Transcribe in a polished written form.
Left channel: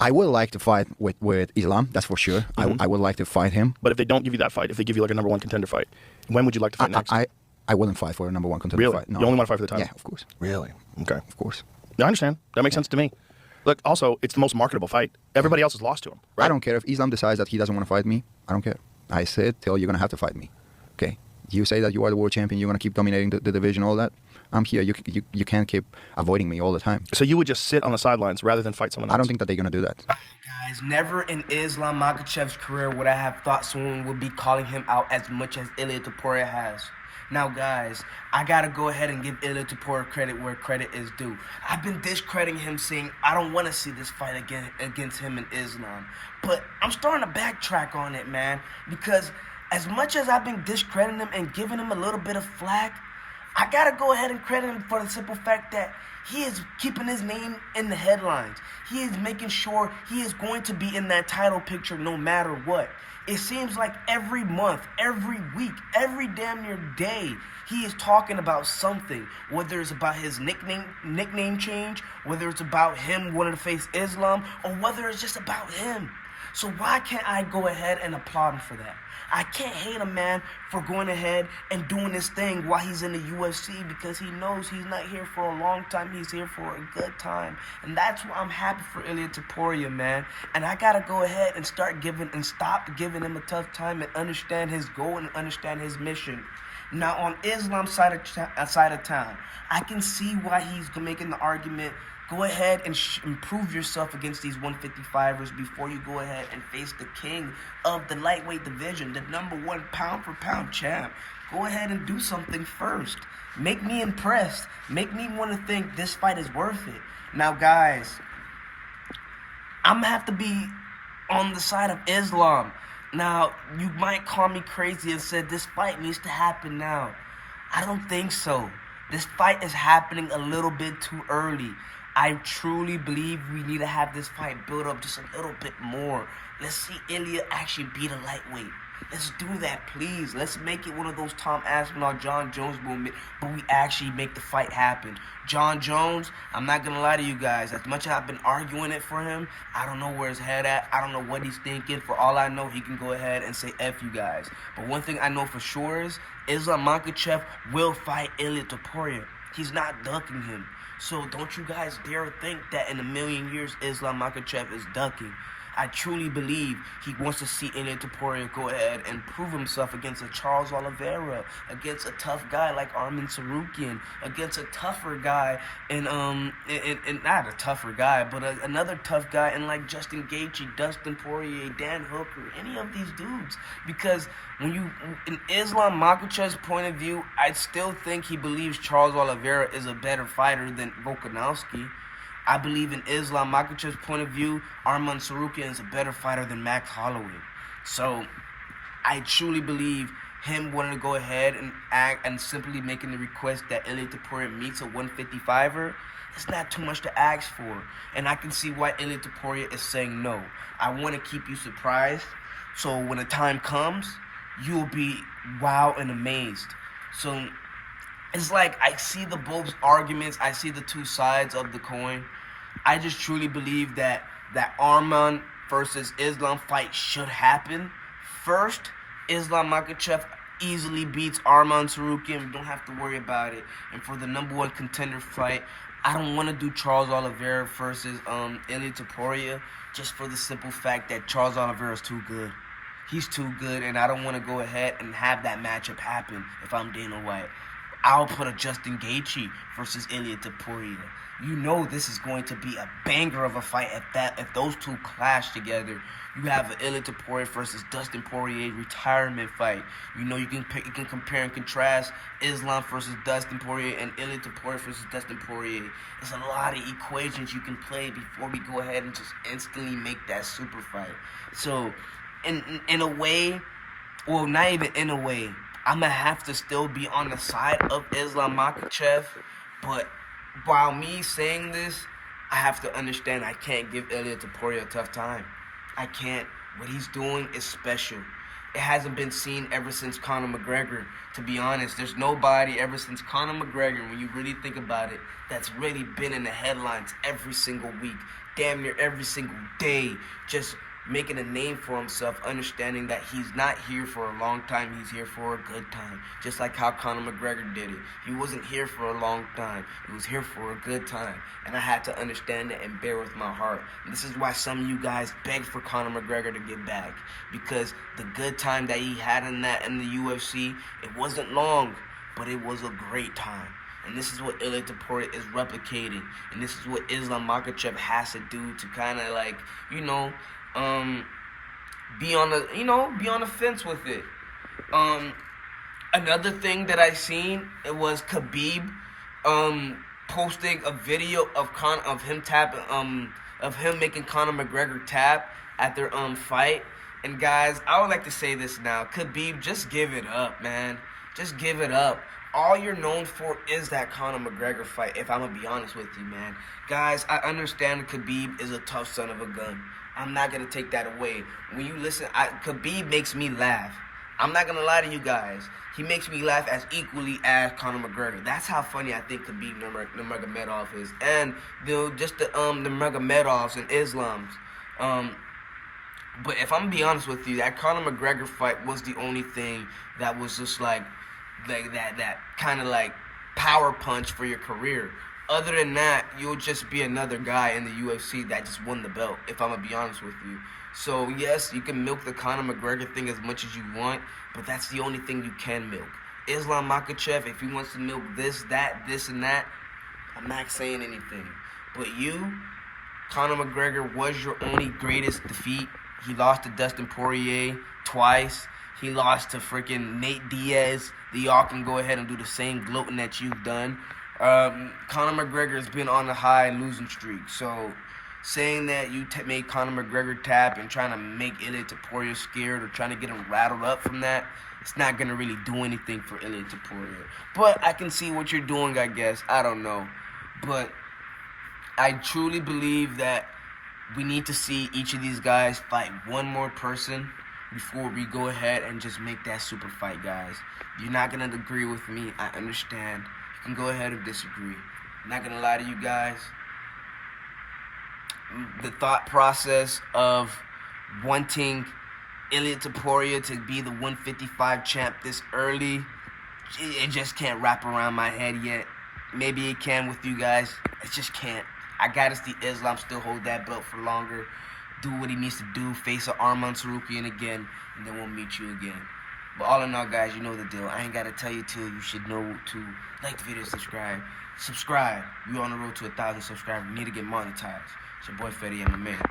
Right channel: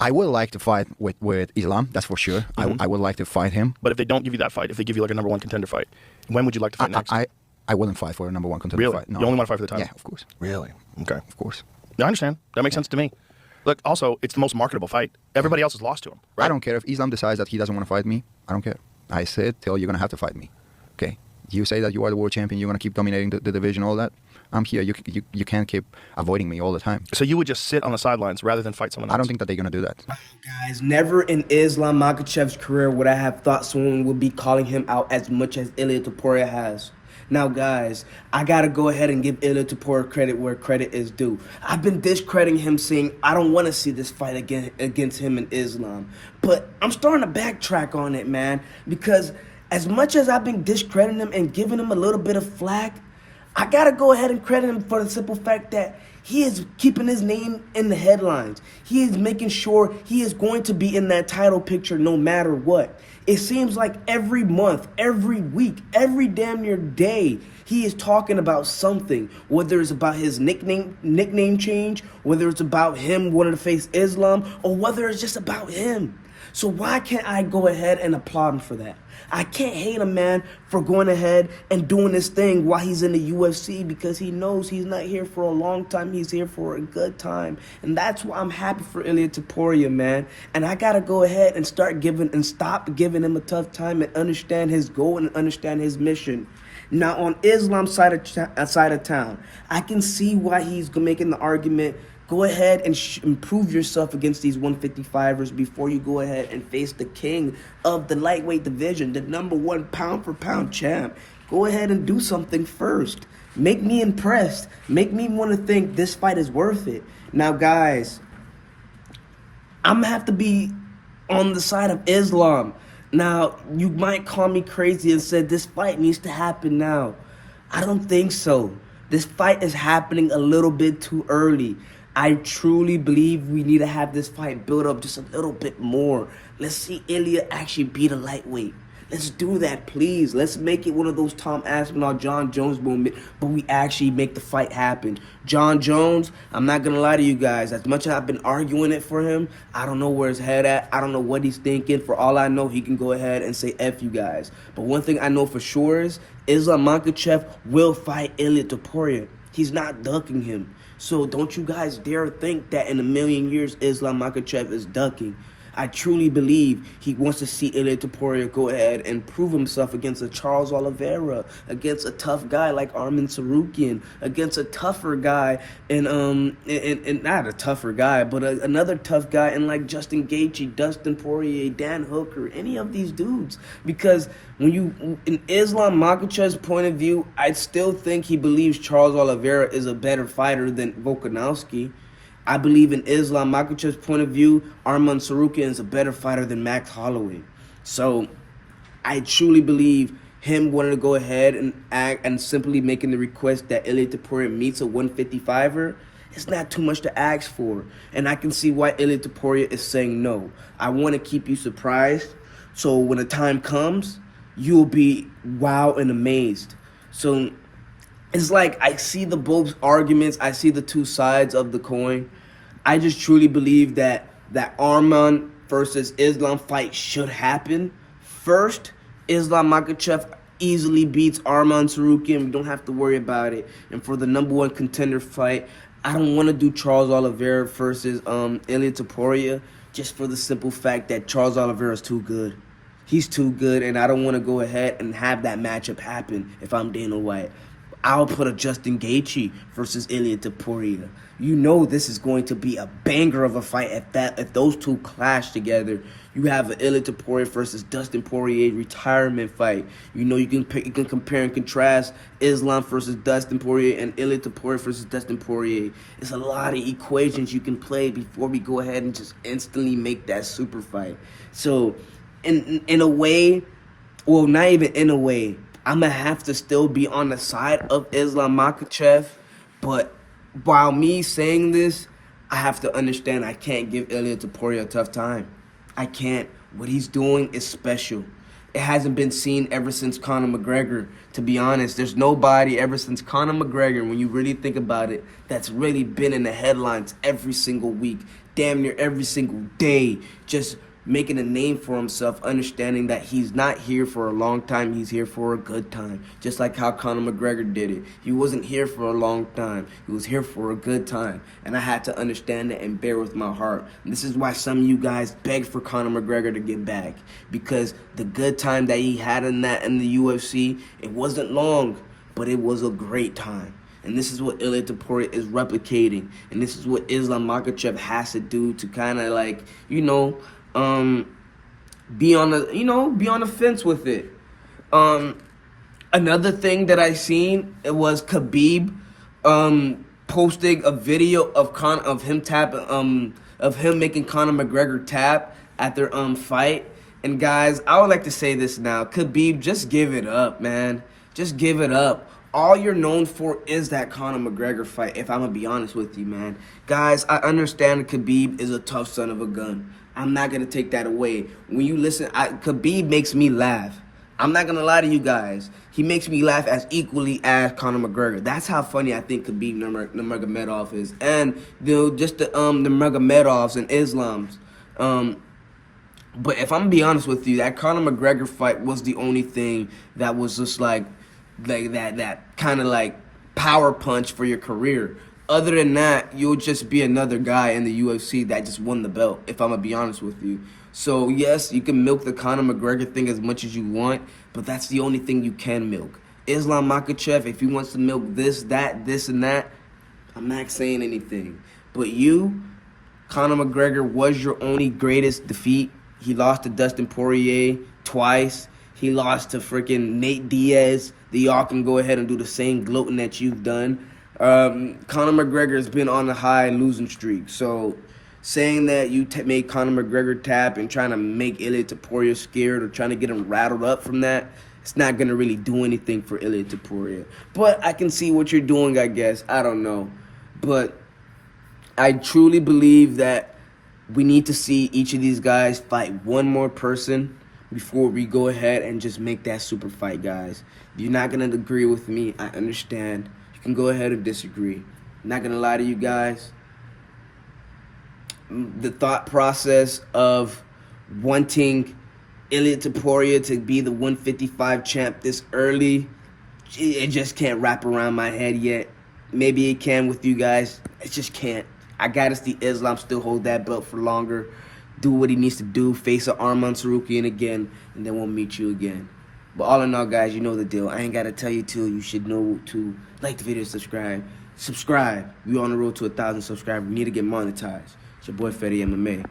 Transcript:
I would like to fight with Islam, that's for sure. I would like to fight him. But if they don't give you that fight, if they give you like a number 1 contender fight, when would you like to fight next? I wouldn't fight for a number 1 contender Really? fight. No. You only want to fight for the title? Yeah, of course. Really? Okay. Of course. I understand. That makes sense to me. Look, also, it's the most marketable fight. Everybody else has lost to him, right? I don't care if Islam decides that he doesn't want to fight me. I don't care. I said, till you're going to have to fight me. Okay? You say that you are the world champion, you're going to keep dominating the division, all that. I'm here. You can't keep avoiding me all the time. So you would just sit on the sidelines rather than fight someone else? I don't think that they're going to do that. Guys, never in Islam Makhachev's career would I have thought someone would be calling him out as much as Ilia Topuria has. Now, guys, I got to go ahead and give Ilia Topuria credit where credit is due. I've been discrediting him, saying I don't want to see this fight against him and Islam. But I'm starting to backtrack on it, man, because as much as I've been discrediting him and giving him a little bit of flack, I got to go ahead and credit him for the simple fact that he is keeping his name in the headlines. He is making sure he is going to be in that title picture no matter what. It seems like every month, every week, every damn near day, he is talking about something, whether it's about his nickname change, whether it's about him wanting to face Islam, or whether it's just about him. So why can't I go ahead and applaud him for that? I can't hate a man for going ahead and doing this thing while he's in the UFC, because he knows he's not here for a long time. He's here for a good time. And that's why I'm happy for Ilia Topuria, man. And I got to go ahead and stop giving him a tough time and understand his goal and understand his mission. Now, on Islam's side of town, I can see why he's making the argument. Go ahead and improve yourself against these 155ers before you go ahead and face the king of the lightweight division, the number 1 pound-for-pound champ. Go ahead and do something first. Make me impressed. Make me want to think this fight is worth it. Now, guys, I'm going to have to be on the side of Islam. Now, you might call me crazy and said this fight needs to happen now. I don't think so. This fight is happening a little bit too early. I truly believe we need to have this fight build up just a little bit more. Let's see Ilia actually beat a lightweight. Let's do that, please. Let's make it one of those Tom Aspinall, John Jones moment, but we actually make the fight happen. John Jones, I'm not going to lie to you guys. As much as I've been arguing it for him, I don't know where his head at. I don't know what he's thinking. For all I know, he can go ahead and say F you guys. But one thing I know for sure is Islam Makhachev will fight Ilia Topuria. He's not ducking him. So don't you guys dare think that in a million years Islam Makhachev is ducking. I truly believe he wants to see Ilia Topuria go ahead and prove himself against a Charles Oliveira, against a tough guy like Arman Tsarukyan, against a tougher guy and not a tougher guy, but another tough guy in like Justin Gaethje, Dustin Poirier, Dan Hooker, any of these dudes. Because when you, in Islam Makhachev's point of view, I still think he believes Charles Oliveira is a better fighter than Volkanovski. I believe in Islam Makhachev's point of view, Arman Tsarukyan is a better fighter than Max Holloway. So I truly believe him wanting to go ahead and act and simply making the request that Ilia Topuria meets a 155er, it's not too much to ask for. And I can see why Ilia Topuria is saying no. I want to keep you surprised, so when the time comes, you'll be wow and amazed. So it's like I see the both arguments. I see the two sides of the coin. I just truly believe that Arman versus Islam fight should happen. First, Islam Makhachev easily beats Arman Tsarukyan. We don't have to worry about it. And for the number 1 contender fight, I don't want to do Charles Oliveira versus Ilia Topuria just for the simple fact that Charles Oliveira is too good. He's too good, and I don't want to go ahead and have that matchup happen if I'm Dana White. I'll put a Justin Gaethje versus Ilia Topuria. You know this is going to be a banger of a fight if those two clash together. You have an Ilia Topuria versus Dustin Poirier retirement fight. You know you can compare and contrast Islam versus Dustin Poirier and Ilia Topuria versus Dustin Poirier. There's a lot of equations you can play before we go ahead and just instantly make that super fight. So in a way, well, not even in a way, I'm going to have to still be on the side of Islam Makhachev. But while me saying this, I have to understand I can't give Ilia Topuria a tough time. I can't. What he's doing is special. It hasn't been seen ever since Conor McGregor. To be honest, there's nobody ever since Conor McGregor, when you really think about it, that's really been in the headlines every single week. damn near every single day, just making a name for himself, understanding that he's not here for a long time, he's here for a good time. Just like how Conor McGregor did it. He wasn't here for a long time, he was here for a good time. And I had to understand that and bear with my heart. And this is why some of you guys beg for Conor McGregor to get back. Because the good time that he had in the UFC, it wasn't long, but it was a great time. And this is what Ilia Topuria is replicating. And this is what Islam Makhachev has to do to kind of like, be on the fence with it. Another thing that I seen, it was Khabib posting a video of him making Conor McGregor tap at their fight. And guys, I would like to say this now. Khabib, just give it up, man. Just give it up. All you're known for is that Conor McGregor fight, if I'm going to be honest with you, man. Guys, I understand Khabib is a tough son of a gun. I'm not going to take that away. When you listen, Khabib makes me laugh. I'm not going to lie to you guys. He makes me laugh as equally as Conor McGregor. That's how funny I think Khabib Nurmagomedov is. And just the Nurmagomedovs and Islams. But if I'm going to be honest with you, that Conor McGregor fight was the only thing that was just like that kind of like power punch for your career. Other than that, you'll just be another guy in the UFC that just won the belt, if I'm going to be honest with you. So, yes, you can milk the Conor McGregor thing as much as you want, but that's the only thing you can milk. Islam Makhachev, if he wants to milk this, that, this, and that, I'm not saying anything. But you, Conor McGregor, was your only greatest defeat. He lost to Dustin Poirier twice. He lost to freaking Nate Diaz. Y'all can go ahead and do the same gloating that you've done. Conor McGregor has been on a high losing streak. So saying that you made Conor McGregor tap and trying to make Ilia Topuria scared or trying to get him rattled up from that, it's not going to really do anything for Ilia Topuria. But I can see what you're doing, I guess. I don't know. But I truly believe that we need to see each of these guys fight one more person before we go ahead and just make that super fight, guys. If you're not going to agree with me, I understand. You can go ahead and disagree. I'm not going to lie to you guys. The thought process of wanting Ilia Topuria to be the 155 champ this early, it just can't wrap around my head yet. Maybe it can with you guys. It just can't. I gotta see Islam still hold that belt for longer, do what he needs to do, face an Arman Sarukian again, and then we'll meet you again. But all in all, guys, you know the deal. I ain't gotta tell you too. You should know to like the video, subscribe. Subscribe. We're on the road to 1,000 subscribers. We need to get monetized. It's your boy Fetty and my man.